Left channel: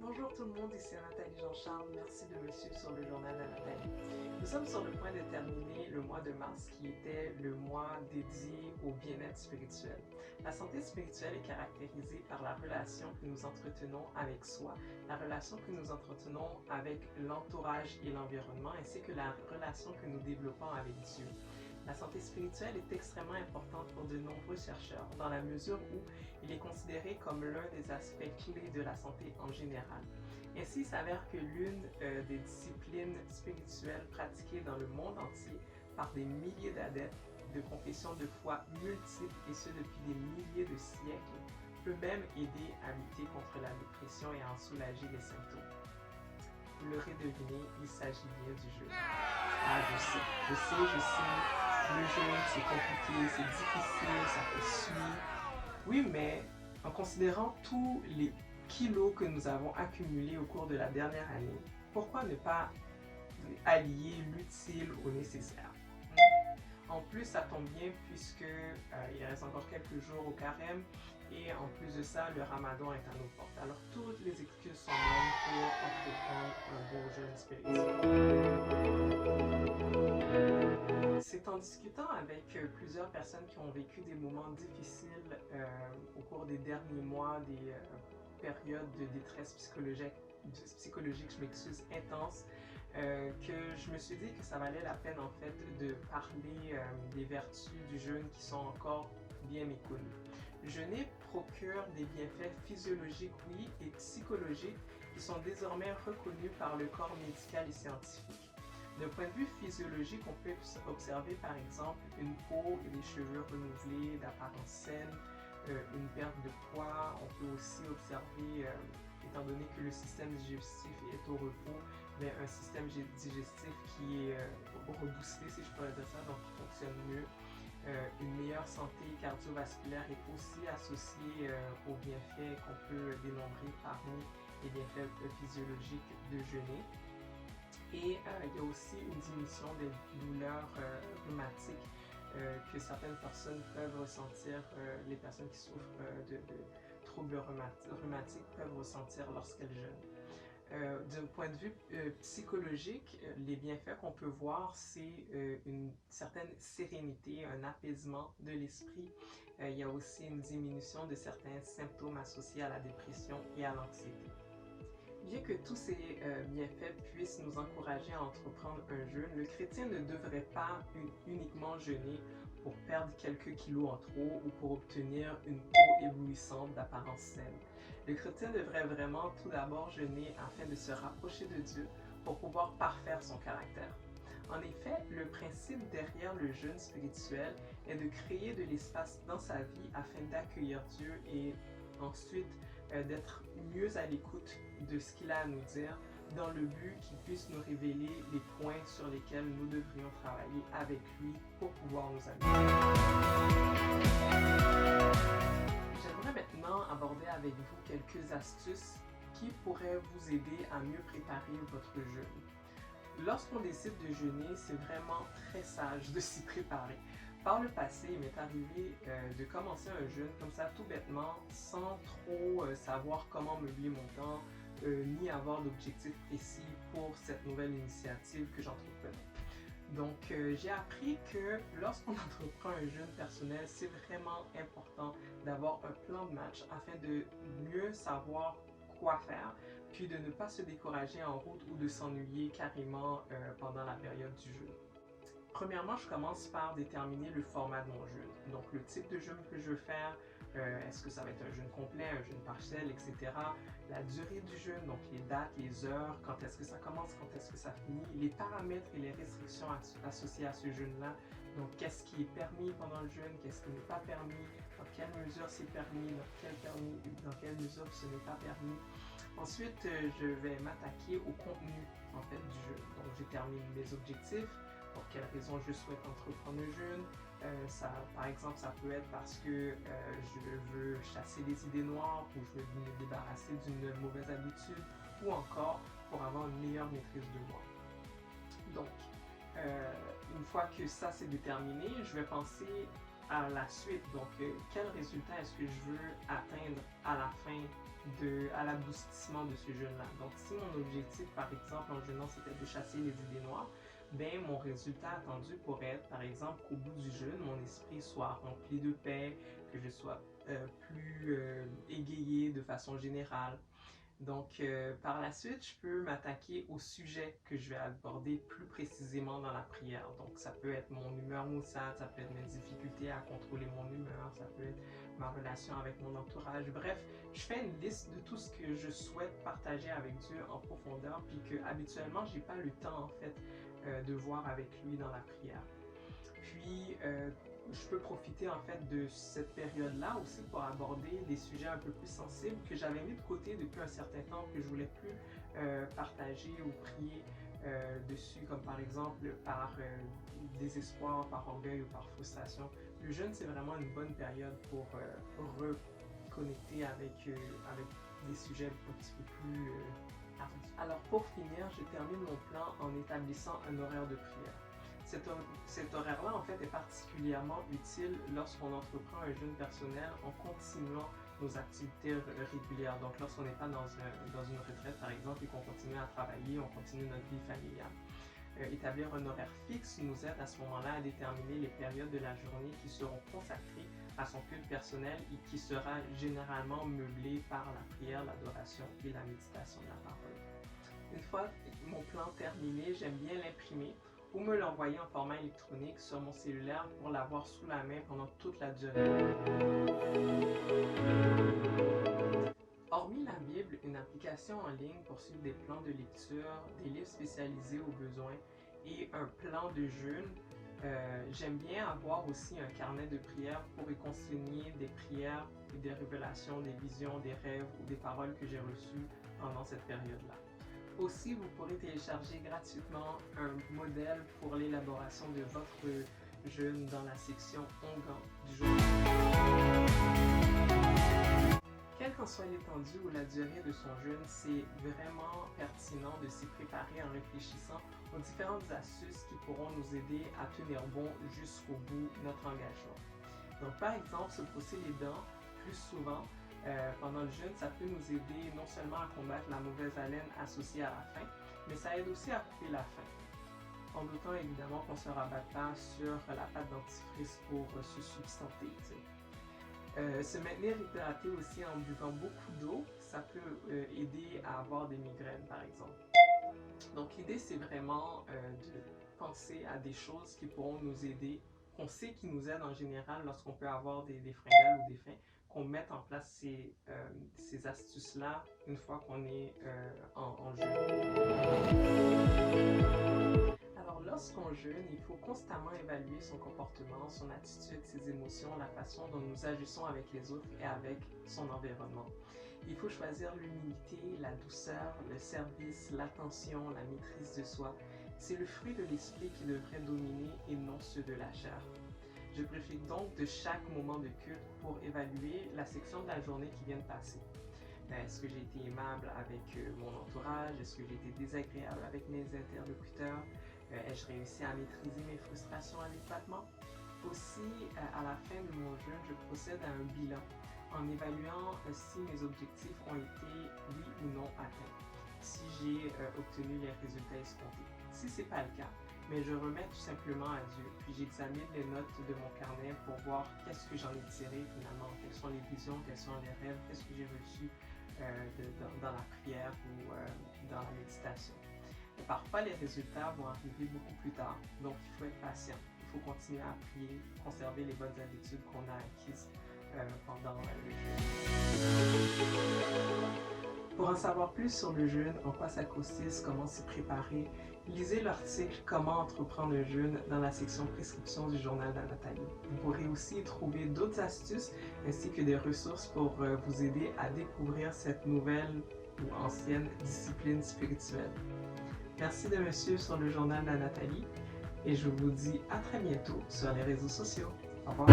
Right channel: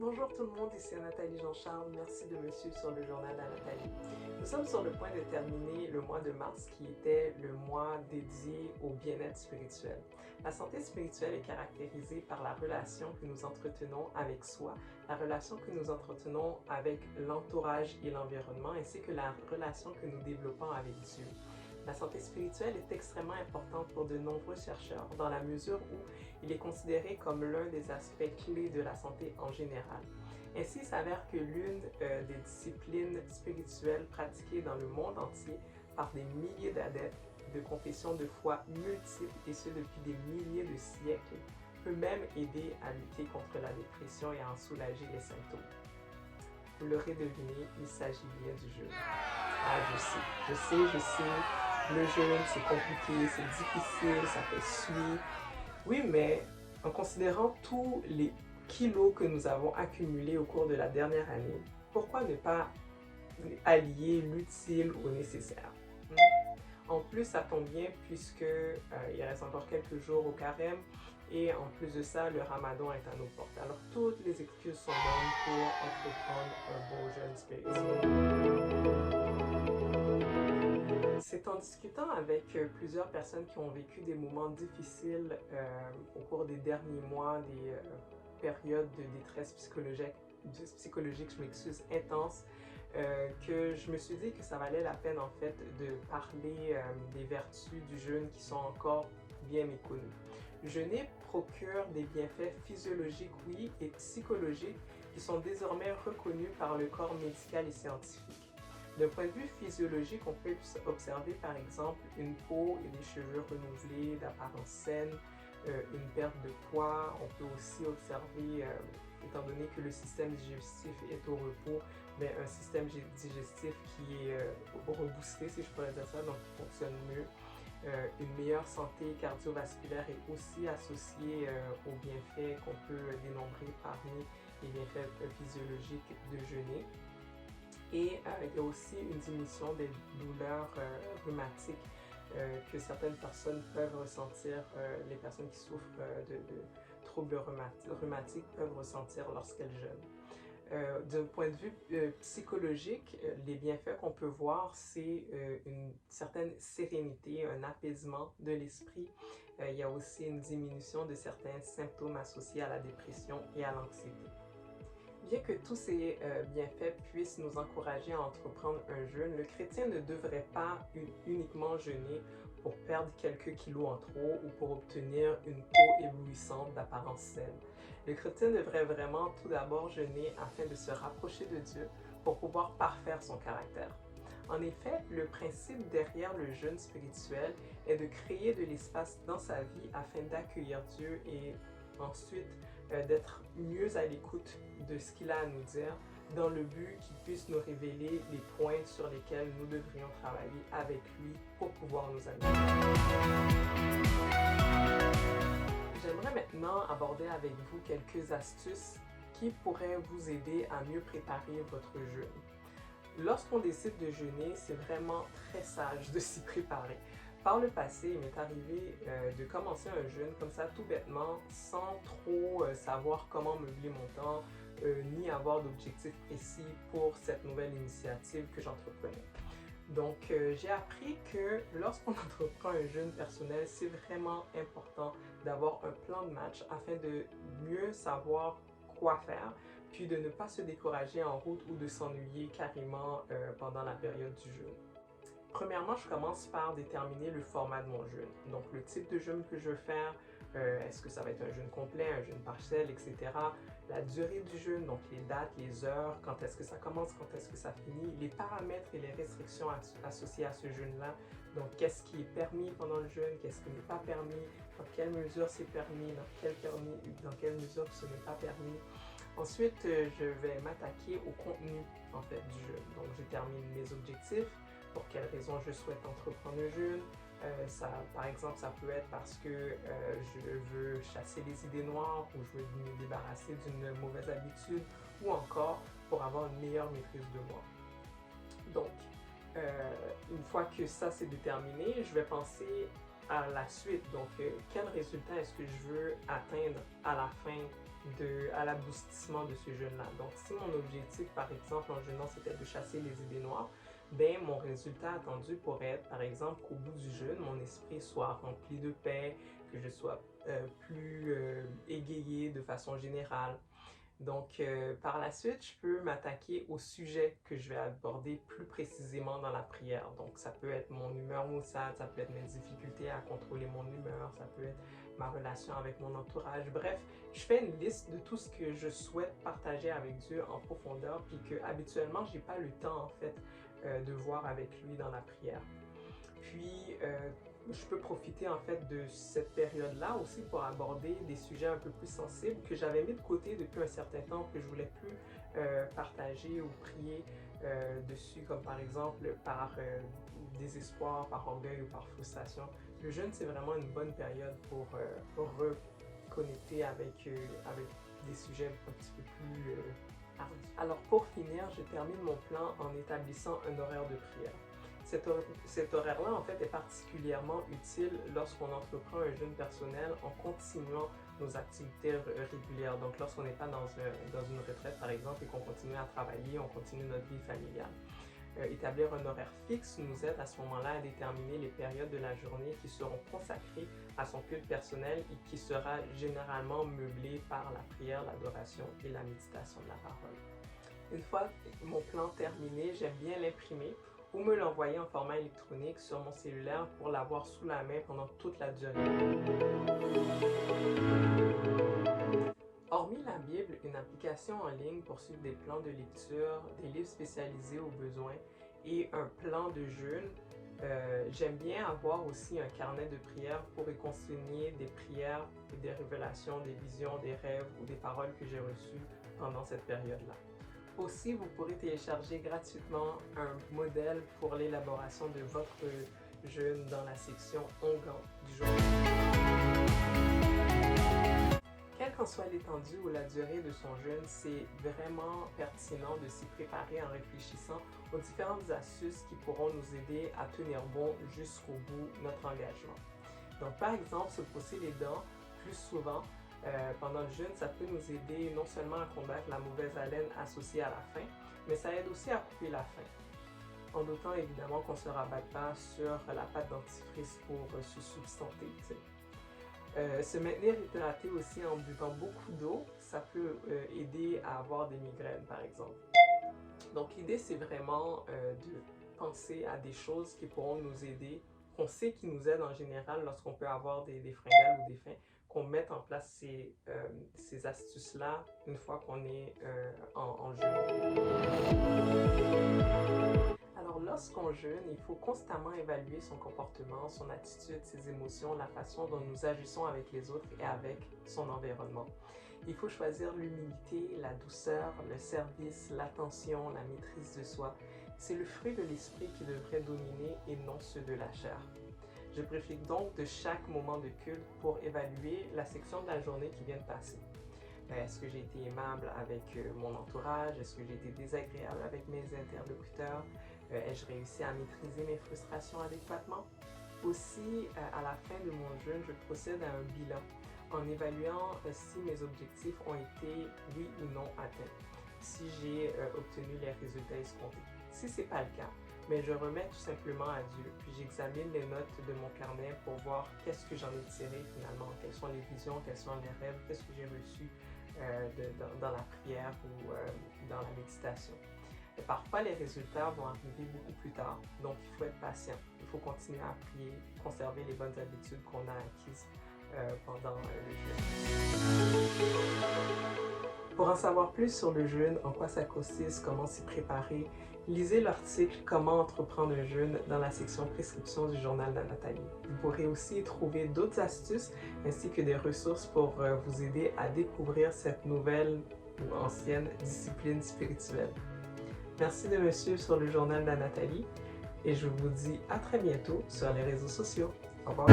Bonjour tout le monde, ici Nathalie Jean-Charles. Merci de me suivre sur le journal de Nathalie. Nous sommes sur le point de terminer le mois de mars qui était le mois dédié au bien-être spirituel. La santé spirituelle est caractérisée par la relation que nous entretenons avec soi, la relation que nous entretenons avec l'entourage et l'environnement, ainsi que la relation que nous développons avec Dieu. La santé spirituelle est extrêmement importante pour de nombreux chercheurs dans la mesure où il est considéré comme l'un des aspects clés de la santé en général. Ainsi, il s'avère que l'une des disciplines spirituelles pratiquées dans le monde entier par des milliers d'adeptes de confessions de foi multiples et ce depuis des milliers de siècles peut même aider à lutter contre la dépression et à en soulager les symptômes. Vous l'aurez deviné, il s'agit bien du jeûne. Ah, je sais, le jeûne c'est compliqué, c'est difficile, ça fait suer. Oui, mais en considérant tous les kilos que nous avons accumulés au cours de la dernière année, pourquoi ne pas allier l'utile au nécessaire? En plus, ça tombe bien puisque il reste encore quelques jours au carême et en plus de ça, le ramadan est à nos portes. Alors, toutes les excuses sont bonnes pour entreprendre un beau jeûne spirituel. C'est en discutant avec plusieurs personnes qui ont vécu des moments difficiles au cours des derniers mois, des périodes de détresse psychologique, je m'excuse, intense, que je me suis dit que ça valait la peine en fait de parler des vertus du jeûne qui sont encore bien méconnues. Jeûner procure des bienfaits physiologiques, oui, et psychologiques qui sont désormais reconnus par le corps médical et scientifique. D'un point de vue physiologique, on peut observer par exemple une peau et des cheveux renouvelés, d'apparence saine, une perte de poids. On peut aussi observer, étant donné que le système digestif est au repos, mais un système digestif qui est reboosté, si je pourrais dire ça, donc qui fonctionne mieux. Une meilleure santé cardiovasculaire est aussi associée aux bienfaits qu'on peut dénombrer parmi les bienfaits physiologiques de jeûner. Et il y a aussi une diminution des douleurs rhumatiques que certaines personnes peuvent ressentir, les personnes qui souffrent de troubles rhumatiques peuvent ressentir lorsqu'elles jeûnent. D'un point de vue psychologique, les bienfaits qu'on peut voir, c'est une certaine sérénité, un apaisement de l'esprit. Il y a aussi une diminution de certains symptômes associés à la dépression et à l'anxiété. Bien que tous ces bienfaits puissent nous encourager à entreprendre un jeûne, le chrétien ne devrait pas uniquement jeûner pour perdre quelques kilos en trop ou pour obtenir une peau éblouissante d'apparence saine. Le chrétien devrait vraiment tout d'abord jeûner afin de se rapprocher de Dieu pour pouvoir parfaire son caractère. En effet, le principe derrière le jeûne spirituel est de créer de l'espace dans sa vie afin d'accueillir Dieu et ensuite d'être mieux à l'écoute de ce qu'il a à nous dire dans le but qu'il puisse nous révéler les points sur lesquels nous devrions travailler avec lui pour pouvoir nous améliorer. J'aimerais maintenant aborder avec vous quelques astuces qui pourraient vous aider à mieux préparer votre jeûne. Lorsqu'on décide de jeûner, c'est vraiment très sage de s'y préparer. Par le passé, il m'est arrivé de commencer un jeûne comme ça tout bêtement, sans trop savoir comment meubler mon temps, ni avoir d'objectif précis pour cette nouvelle initiative que j'entreprenais. Donc, j'ai appris que lorsqu'on entreprend un jeûne personnel, c'est vraiment important d'avoir un plan de match afin de mieux savoir quoi faire, puis de ne pas se décourager en route ou de s'ennuyer carrément pendant la période du jeûne. Premièrement, je commence par déterminer le format de mon jeûne. Donc, le type de jeûne que je veux faire, est-ce que ça va être un jeûne complet, un jeûne partiel, etc. La durée du jeûne, donc les dates, les heures, quand est-ce que ça commence, quand est-ce que ça finit, les paramètres et les restrictions associées à ce jeûne-là. Donc, qu'est-ce qui est permis pendant le jeûne, qu'est-ce qui n'est pas permis, dans quelle mesure c'est permis, dans quelle mesure ce n'est pas permis. Ensuite, je vais m'attaquer au contenu en fait du jeûne. Donc, je détermine les objectifs, pour quelles raisons je souhaite entreprendre un jeûne. Par exemple, ça peut être parce que je veux chasser les idées noires ou je veux me débarrasser d'une mauvaise habitude ou encore pour avoir une meilleure maîtrise de moi. Donc, une fois que ça c'est déterminé, je vais penser à la suite. Donc, quel résultat est-ce que je veux atteindre à la fin à l'aboutissement de ce jeûne-là? Donc, si mon objectif, par exemple, en jeûnant, c'était de chasser les idées noires, ben, mon résultat attendu pourrait être, par exemple, qu'au bout du jeûne, mon esprit soit rempli de paix, que je sois plus égayé de façon générale. Donc, par la suite, je peux m'attaquer au sujet que je vais aborder plus précisément dans la prière. Donc, ça peut être mon humeur maussade, ça peut être mes difficultés à contrôler mon humeur, ça peut être ma relation avec mon entourage. Bref, je fais une liste de tout ce que je souhaite partager avec Dieu en profondeur, puis que habituellement, j'ai pas le temps, en fait, de voir avec lui dans la prière. Puis, je peux profiter en fait de cette période-là aussi pour aborder des sujets un peu plus sensibles que j'avais mis de côté depuis un certain temps, que je voulais plus partager ou prier dessus, comme par exemple par désespoir, par orgueil ou par frustration. Le jeûne, c'est vraiment une bonne période pour reconnecter avec des sujets un petit peu plus ardus. Alors pour finir, je termine mon plan en établissant un horaire de prière. Cet horaire-là, en fait, est particulièrement utile lorsqu'on entreprend un jeûne personnel en continuant nos activités régulières. Donc, lorsqu'on n'est pas dans une retraite, par exemple, et qu'on continue à travailler, on continue notre vie familiale. Établir un horaire fixe nous aide à ce moment-là à déterminer les périodes de la journée qui seront consacrées à son culte personnel et qui sera généralement meublé par la prière, l'adoration et la méditation de la parole. Une fois mon plan terminé, j'aime bien l'imprimer ou me l'envoyer en format électronique sur mon cellulaire pour l'avoir sous la main pendant toute la durée. Hormis la Bible, une application en ligne pour suivre des plans de lecture, des livres spécialisés aux besoins et un plan de jeûne, j'aime bien avoir aussi un carnet de prières pour y consigner des prières, des révélations, des visions, des rêves ou des paroles que j'ai reçues pendant cette période-là. Aussi, vous pourrez télécharger gratuitement un modèle pour l'élaboration de votre jeûne dans la section Onguent du journal. Quelle qu'en soit l'étendue ou la durée de son jeûne, c'est vraiment pertinent de s'y préparer en réfléchissant aux différentes astuces qui pourront nous aider à tenir bon jusqu'au bout de notre engagement. Donc, par exemple, se brosser les dents plus souvent pendant le jeûne, ça peut nous aider non seulement à combattre la mauvaise haleine associée à la faim, mais ça aide aussi à couper la faim. En notant évidemment qu'on ne se rabatte pas sur la pâte dentifrice pour se substanter. Se maintenir hydraté aussi en buvant beaucoup d'eau, ça peut aider à avoir des migraines par exemple. Donc l'idée c'est vraiment de penser à des choses qui pourront nous aider, qu'on sait qui nous aident en général lorsqu'on peut avoir des fringales ou des faims, qu'on mette en place ces astuces-là une fois qu'on est en jeûne. Alors lorsqu'on jeûne, il faut constamment évaluer son comportement, son attitude, ses émotions, la façon dont nous agissons avec les autres et avec son environnement. Il faut choisir l'humilité, la douceur, le service, l'attention, la maîtrise de soi. C'est le fruit de l'esprit qui devrait dominer et non ceux de la chair. Je profite donc de chaque moment de culte pour évaluer la section de la journée qui vient de passer. Est-ce que j'ai été aimable avec mon entourage? Est-ce que j'ai été désagréable avec mes interlocuteurs? Ai-je réussi à maîtriser mes frustrations adéquatement? Aussi, à la fin de mon jeûne, je procède à un bilan en évaluant si mes objectifs ont été, oui ou non, atteints, si j'ai obtenu les résultats escomptés. Si ce n'est pas le cas, mais je remets tout simplement à Dieu, puis j'examine les notes de mon carnet pour voir qu'est-ce que j'en ai tiré finalement, quelles sont les visions, quels sont les rêves, qu'est-ce que j'ai reçu dans la prière ou dans la méditation. Et parfois, les résultats vont arriver beaucoup plus tard, donc il faut être patient, il faut continuer à prier, conserver les bonnes habitudes qu'on a acquises pendant le jeûne. Pour en savoir plus sur le jeûne, en quoi ça consiste, comment s'y préparer, lisez l'article Comment entreprendre le jeûne dans la section Prescription du journal d'Anathalie. Vous pourrez aussi trouver d'autres astuces ainsi que des ressources pour vous aider à découvrir cette nouvelle ou ancienne discipline spirituelle. Merci de me suivre sur le journal d'Anathalie et je vous dis à très bientôt sur les réseaux sociaux. Au revoir.